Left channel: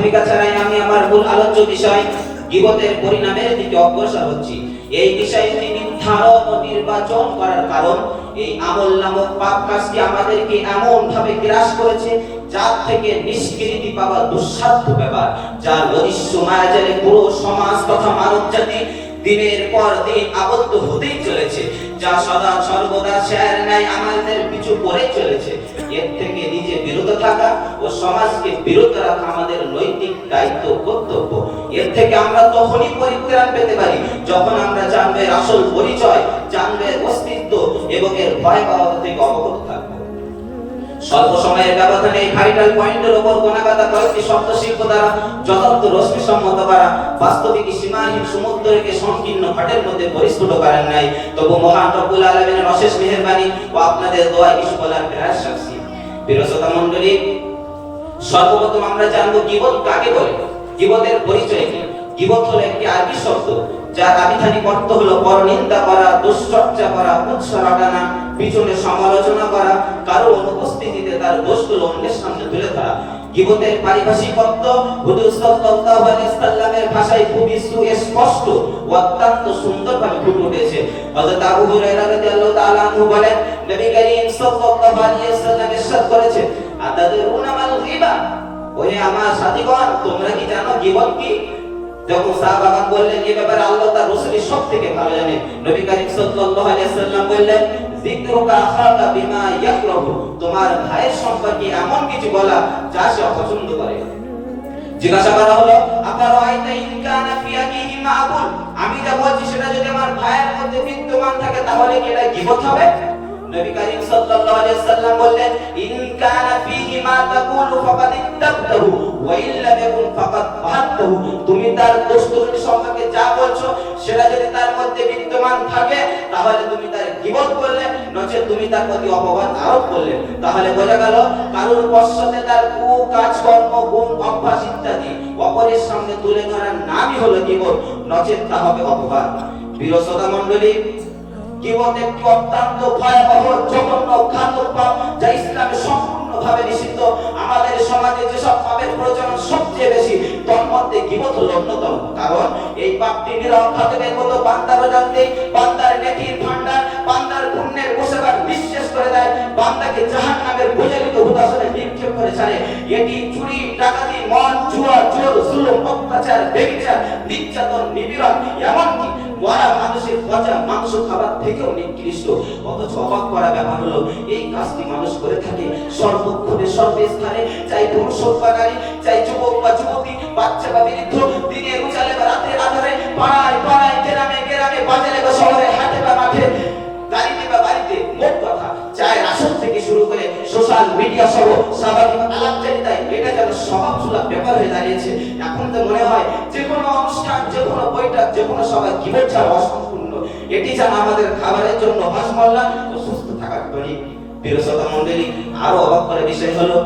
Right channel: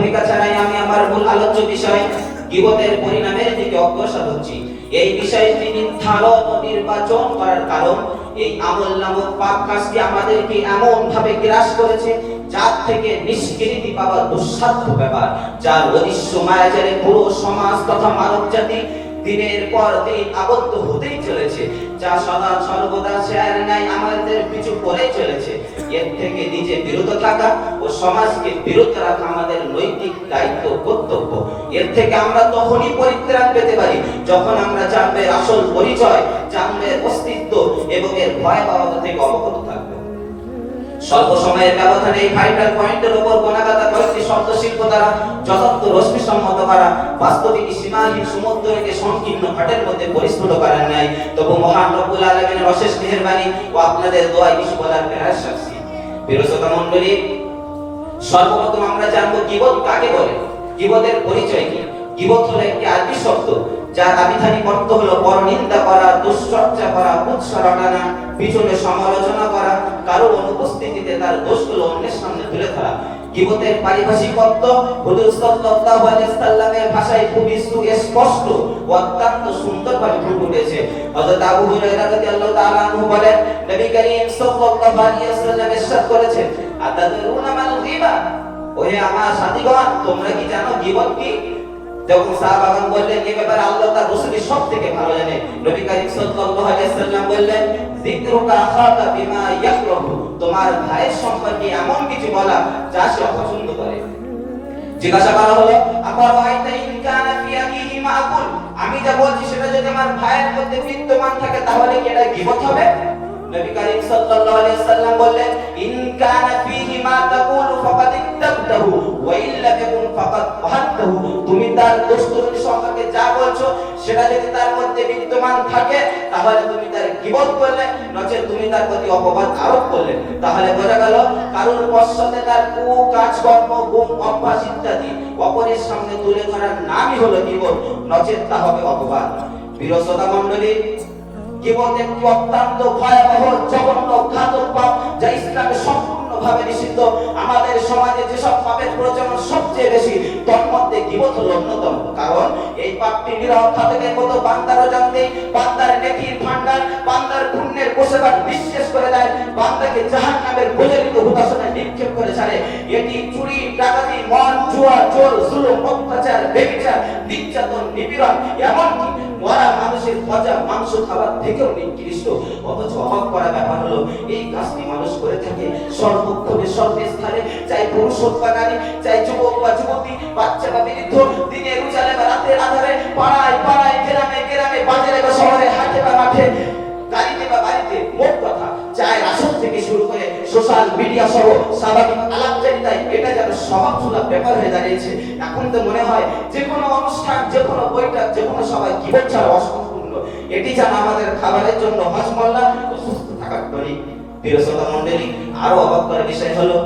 ভূমিকা ছাড়াই আমি আমার মূল আলোচ্য বিষয় গীবতের পরিণামের দিকে অগ্রসর হচ্ছি। এই বিষয়টি নির্ধারণ ও নির্বাচন করার কারণ এই আমল নামক পাপ কাজটি আমাদেরকে এমন ভাবে গ্রাস করেছে যার থেকে নিষ্কৃতি পাওয়া দুঃসাধ্য ব্যাপার, যার অদৃশ্য মায়াজালে পুরো সমাজ তথা মানব জাতি দিনের পর দিন আবদ্ধ হতেই চলেছে, যা সদা সর্বদা শেয়ার ন্যায় আমাদের পিছু পড়ে চলেছে। এর থেকে নিজে বিরত থাকা ও সমাজকে বিরত রাখা আমাদের নৈতিক দায়িত্ব কর্তব্য। এর থেকে আমরা তখনই পরিত্রাণ পেতে পারি যখন আমরা জানবে আসল পরিচয়, জানবে অস্তিত্ব এবং এর ভয়াবহতা থেকে অবগত থাকবো। স্বল্প সময়ের ব্যবধানে এই ভাইটাল পয়েন্টের উপর গোনাগাতা কয়েকটি শব্দ শিল্প দ্বারা যথার্থ রশ্মি সম্মত করা বাস্তবিক সীমাহীন সমুদ্রকে সংকীর্ণ ঘাটের মধ্যে পরিস্ফুট করেন নাই। তবু মহান রব্বুল আলামিনের অশেষ মেহেরবানি ও আপনাদের দোয়ায় কিছু বলার প্রেরণা শাস্তি। প্রিয় শ্রোতা মণ্ডলী, সর্বপ্রথম আমরা জানবো গীবত কাকে বলে, গীবতের পরিচয় কি। গীবত হলো একটি আরবি শব্দ যার আবিধানিক অর্থ হলো পরনিন্দা করা, দুশ্চর্চা করা, উৎসাহ টানা, পিছনে সমালোচনা করা, কারো অনুপস্থিতিতে তার দোষগুলো অন্যের সামনে তুলে ধরা। গীবতের পারিভাষিক অর্থ হুজুর সাল্লাল্লাহু আলাইহি ওয়াসাল্লামের ভাষায় খুবই সুস্পষ্ট ও অত্যন্ত সুন্দরভাবে ফুটে উঠেছে। হযরত আবু হুরায়রা রাদিয়াল্লাহু তাআলা আনহু বলেন, নবী করিম সাল্লাল্লাহু আলাইহি ওয়াসাল্লাম ইরশাদ করেছেন, আতাদরুনা মাল গীবা, ওহে আমার সাথীগণ, তোমরা কি জানো গীবত কি? যখন সাহাবাগণ বললেন এই ব্যাপারে আল্লাহ তার রাসূলই সবথেকে ভালো জানেন, নবী করিম সাল্লাল্লাহু আলাইহি ওয়াসাল্লাম বললেন, যিকরুকা আখাকা বিমা ইয়াকরাহু, তোমার ভাইয়ের সম্পর্কে এমন কিছু বলা যা সে অপছন্দ করে। জিজ্ঞাসা করা হলো, আবার আইতা ইন কানা ফি আকিহি মাকুল, আমি যা বলছি সেটা যদি আমার ভাইয়ের মধ্যে বিদ্যমান থাকে তাহলে কি এটা গীবত হবে? নবী করিম সাল্লাল্লাহু আলাইহি ওয়াসাল্লাম বললেন, ইন কানা ফিহি মা তাকুলু ফাকাদ ইত্তাবতাহু ওয়া ইল্লাম ইয়াকুন ফাকাদ বাহাত্তাহু, তুমি তার দোষগুলো সম্পর্কে যা বলছো সেটা যদি তার মধ্যে বিদ্যমান থাকে তাহলে তুমি তার গীবত করলে, নচেত তুমি তার প্রতি অপবাদ আরোপ করলে। তাহলে বোঝা গেল কারোর পশ্চাতে তার কাজকর্ম, গুণ, অভ্যাস ইত্যাদি অপরের সামনে তুলে ধরার নামই হলো গীবত, নচেত তা হবে অপবাদ। প্রিয় শ্রোতা মণ্ডলী, গীবত একটি অত্যন্ত ভয়াবহ জঘন্য ঘাতক পাপ যা ইসলামে সম্পূর্ণভাবে নিষিদ্ধ। আমাদের সমাজে যেসব পাপের প্রচলন সবচেয়ে বেশি তার মধ্যে গীবত হলো অন্যতম। কারণ এই পাপটি নিরহ ঘাতকের মতো বান্দারও জানতে, বান্দার নেকির ভান্ডার, বান্দার পুণ্যের কোষাগার বিশ্বাস করে দেয়, বান্দাকে জাহান্নামের প্রজ্বলিত হুতাশনে নিক্ষেপ করে ছাড়ে। এটি চুরি, ডাকাতি, মদ, জুয়া, জোর, জুলুম, অত্যাচার, ব্যভিচার, নির্যাতন, নিপীড়ন, এমনকি মরা মানুষের পচা মাংস খাবার থেকেও নিকৃষ্ট। অথচ অবাক করা ব্যাপার হলো এই কাজটি মানুষ করে থাকে সর্বক্ষণে সর্বস্থানে, চাই পুরুষ হোক বা নারী, চাই যুবক বা যুবতী, বাচ্চা বা বৃদ্ধ, দিনের উজালে বা রাতের আধারে, পাড়ায় পাড়ায়, গ্রামে গ্রামে, বাজারে বা শহরে, হাটে বা মাঠে, গাড়িতে বা বাড়িতে, মোট কথা চায়ের আসর থেকে শুরু করে সোশ্যাল মিডিয়া সহ স্বাভাবিক আলাপচারিতায় এটা যেন স্বভাবসুলভ ব্যাপার হয়ে দাঁড়িয়েছে। এখন তো মনে হয় যে কোনো অনুষ্ঠান, যে কোনো বৈঠক, যে কোনো সবাই গীবত ছাড়া অসম্পূর্ণ। এটি যেন আমাদের খাবারের জন্য হজমোল্লা ও সুস্থ থাকার টনিক। প্রিয় শ্রোতা মণ্ডলী, আরো অবাক করার বিষয় হলো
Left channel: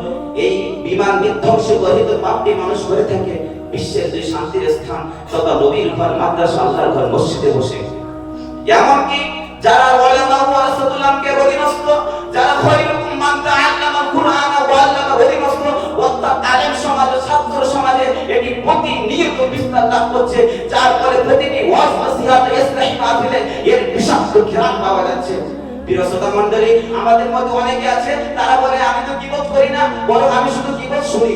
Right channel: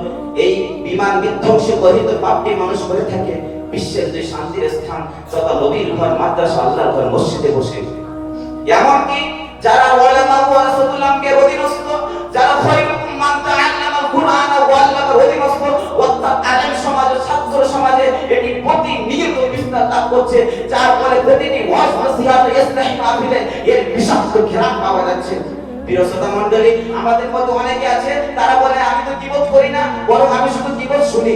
এই বিমান বিধ্বংস গঠিত পাপটি মানুষ করে থাকে বিশ্বের যে শান্তির স্থান তথা নবীর ঘর, মাদ্রাসা, আল্লাহর ঘর, মসজিদে বসে। এমনকি যারা উলামা ও রাসূলুল্লাহকে অধীনস্থ, যারা খৈরুম মান তাআল্লামাল কুরআন ওয়া আল্লামাল অধীনস্থ, অর্থাৎ আলেম সমাজে, ছাত্র সমাজে এটি প্রতিনিয়ত বিস্তার লাভ করছে, যার ফলে প্রতিটি ওয়াজ নসিহত, ইসলাহি মাহফিলে এর বিষাক্ত ঘ্রাণ পাওয়া যাচ্ছে। প্রিয় শ্রোতা মণ্ডলী, আমাদের মধ্যে অনেকে আছে তারা বলে আমি তো গীবত করি না, বরং আমি শুধু গীবত শুনি,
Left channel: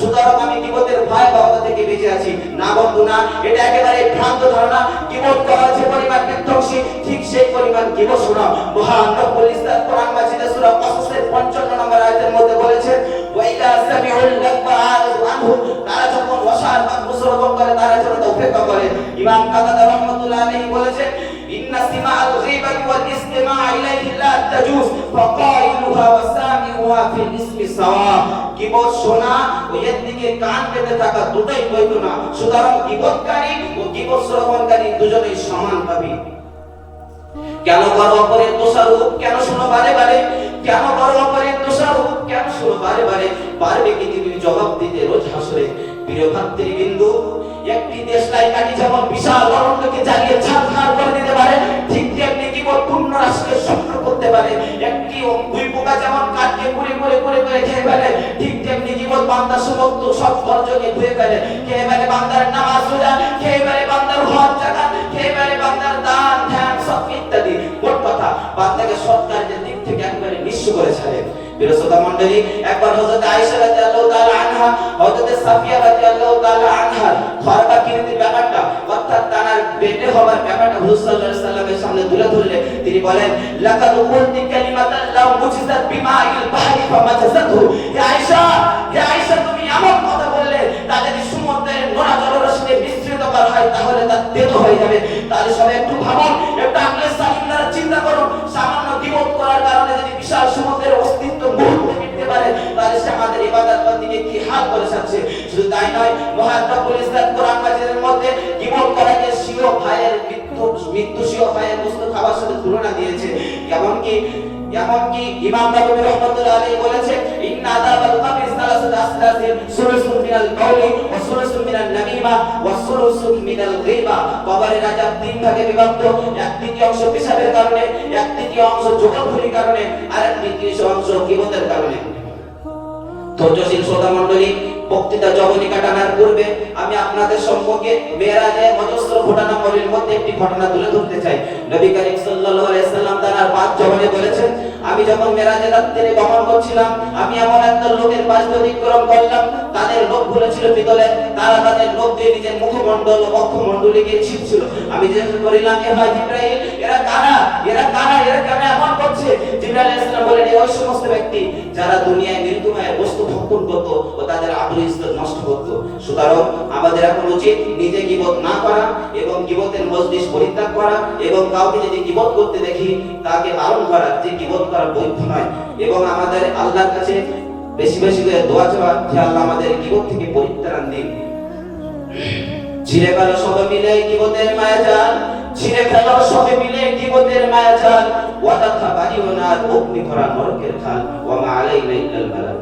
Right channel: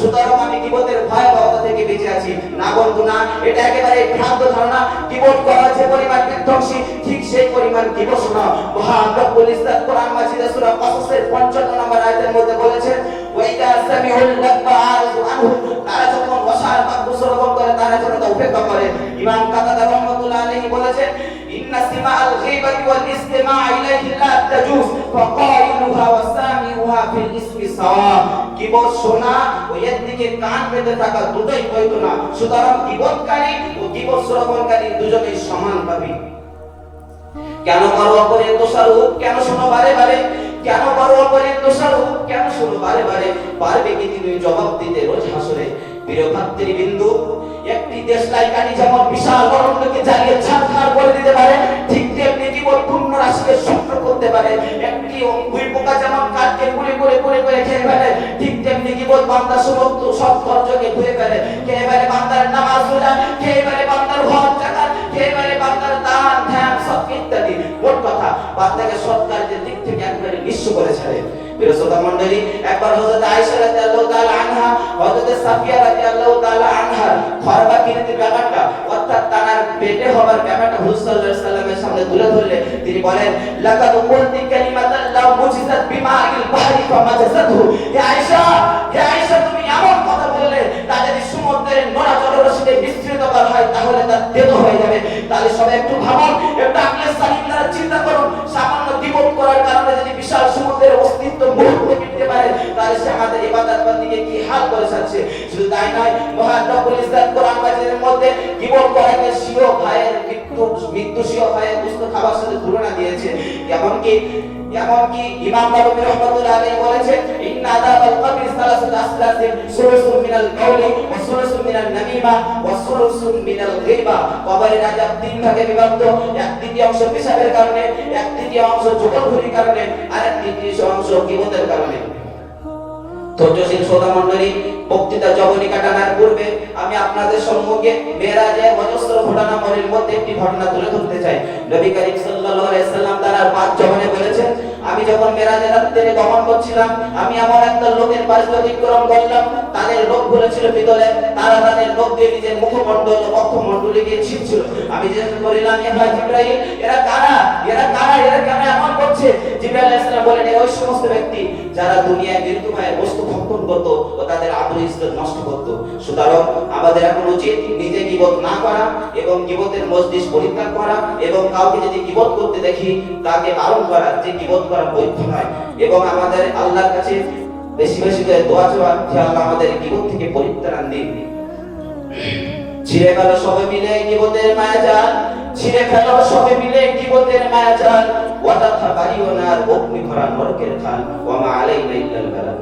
সুতরাং আমি গীবতের ভয়াবহতা থেকে বেঁচে আছি। না বন্ধু না, এটা একেবারে ভ্রান্ত ধারণা। গীবত করা যে পরিমাণ বিধ্বংসী, ঠিক সেই পরিমাণ গীবত শোনা। মহান রব্বুল ইজ্জত কোরআন মাজিদে সূরা কসসের 55 নম্বর আয়াতের মধ্যে বলেছেন, ওয়াইদা সামিউল লাগবা আরিদু আনহু, তারা যখন ওয়াসার বা শ্রবণ করে তারা যেন তা উপেক্ষা করে। ইমাম কাতাদা রাহমাতুল্লাহ আলাইহি বলেছেন, ইন্না সিমাআল গীবাতি ওয়াল ইসতিমা' ইলাইহি লা তাজুজ ফাকাইলুহা ওয়া সামিউহা ফিল ইসমি সাওয়া। গীবত শোনা ও এর দিকে কান পেতে থাকা দুটোই বৈধ না। সুতরাং গীবতকারী ও গীবত শ্রবণকারী দুজনেই সমান ভাবি। কেন করো অপরের দোষারোপ, কেন শোনো বারে বারে? কেন করো অপরের দোষারোপ, কেন শোনো বারে বারে? পারবে কি তুমি জবাব দিতে রোজ হাসরে? প্রিয় ভাতৃবৃন্দু, একটি দেশলাই কাটি যেমন বিশাল অরণ্যকে জ্বালিয়ে ছারখার করে দিতে পারে, ঠিক তেমনি গীবত পূর্ণ রাষ্ট্রকে শক্ত করতে পারে। একটি দুই পোকা যেমন কাঠকে পুড়ে পুড়ে পুড়ে করে খেয়ে ফেলে, ঠিক তেমনি গীবত বান্দা সৎ ধৈর্যকে ধুয়ে ফেলে। খেয়ে ফেলে বান্দার নামাজ রোজা, খেয়ে ফেলে বান্দার হজ যাকাত, খেয়ে ফেলে বান্দার দান ধ্যান সদকা ইত্যাদি। মোট কথা বান্দাকে সৎ কাজের দিক থেকে একেবারে নিঃস্ব করে ছাড়ে। প্রিয় শ্রোতা মণ্ডলী, একবার হযরত আয়েশা রাদিয়াল্লাহু তাআলা আনহা, হযরত সাফিয়া রাদিয়াল্লাহু তাআলা আনহা খরকা কিনতে ব্যাপারটা অর্থাৎ তার বেটে হবার ব্যাপারটা হুজুর সাল্লাল্লাহু আলাইহি ওয়াসাল্লামের সামনে তুলে ধরলে তিনি বলেন, লাকাদ কুলতি কালিমাতান লাউ মুজিজাত বিমাইল বাহরি ফামাজাযাতহু। হে আয়েশা, হে আয়েশা, তুমি এমন কথা বললে তা যদি সমুদ্রের নোনা জলরাশিতে বিস্তৃত করা হয় তাহলে তা তেতো হয়ে যাবে। তাহলে সবাই একটু ভাবুন, একটু আকলে সালিম দ্বারা চিন্তা করুন, সামান্য দ্বিমত করার কারণে যদি বিশাল সমুদ্রের অস্তিত্ব মুহূর্তে মিটতে পারে তাহলে সে আমাদের ইবাদত বন্দেগী কি হাল করে যাচ্ছে। শুধু তাই নয়, মহান রব্বুল ইজ্জত কোরআন মাজিদের মধ্যে দ্বিমত করাকে স্বীয় ভাইয়ের মৃত্যু স্বীয় ভাইয়ের দুষ্ট খাবার সাথে তুলনা দিয়েছে। এমনকি ইমাম নাবাবী রাহমাতুল্লাহ আলাইহি বলেছে, ইন্না আযাবাল কবরি সালাসাতু আসলাসিন সুলুসুন মিনাল কাওলি ওয়া সুলুসুন মিনান নামিমা ওয়া সুলুসুন মিনাল গীবা। কবরের আযাব তিন ভাগে বিভক্ত, এক তৃতীয় অংশ পেশাবের কারণে, এক তৃতীয় অংশ জুগলখুরির কারণে, আর এক তৃতীয় অংশ গীবতের কারণে। ধৈর্যশীল শ্রোতা মণ্ডলী, বক্তৃতা জবনিকা টানার পূর্বে আমি আপনাদের সম্মুখে মেরাজের অজস্র ঘটনা মরির মধ্যে একটি ঘটনা তুলে ধরতে চাই। নবী করিম সাল্লাল্লাহু আলাইহি ওয়াসাল্লাম তার পাঁচ জবানে বলেছেন, আমি যখন মেরাজের রাতে গমন করছিলাম আমি এমন একটা লোকের পাশ অতিক্রম করলাম, তাদের লোকগুলো ছিল ভিতরে, তারা তাদের লোক দিয়ে নিজের মুখমণ্ডল বক্ষমণ্ডলীকে ছিঁড়ছিল। আমি জিজ্ঞেস করিলাম, হে ভাই জিবরাইল, এরা কারা, এরা কারা, এরা কেন এমন করছে? জিবরাইল আলাইহিস সালাম বলেন, এই ওই সমস্ত ব্যক্তি যারা দুনিয়ায় মৃত্যুময় বস্তু ভক্ষণ করত ও তাদের আবরু ইজ্জত নষ্ট করত। সুতরাং আমাদের এখন উচিত নিজে গীবত না করা এবং গীবতের মজলিস পরিত্যাগ করা, এবং কাউকে যদি গীবত করতে দেখি তাকে বারণ করা যে গীবত করা বৈধ নয়, এবং আমাদের আল্লাহর কাছে বেশি বেশি করে দোয়া চাওয়া যে আল্লাহ আমাদের গীবত থেকে পরিত্রাণ দিন। ছিঁড়ে ফেলো সবাই মিলে গীবতের মায়াজাল, ছিঁড়ে ফেলো সবাই মিলে গীবতের মায়াজাল, ওয়াদা থাকারিও না অগ্নি করা নরকের খাল, ওয়া মা আলাইনা ইল্লাল বালাগ।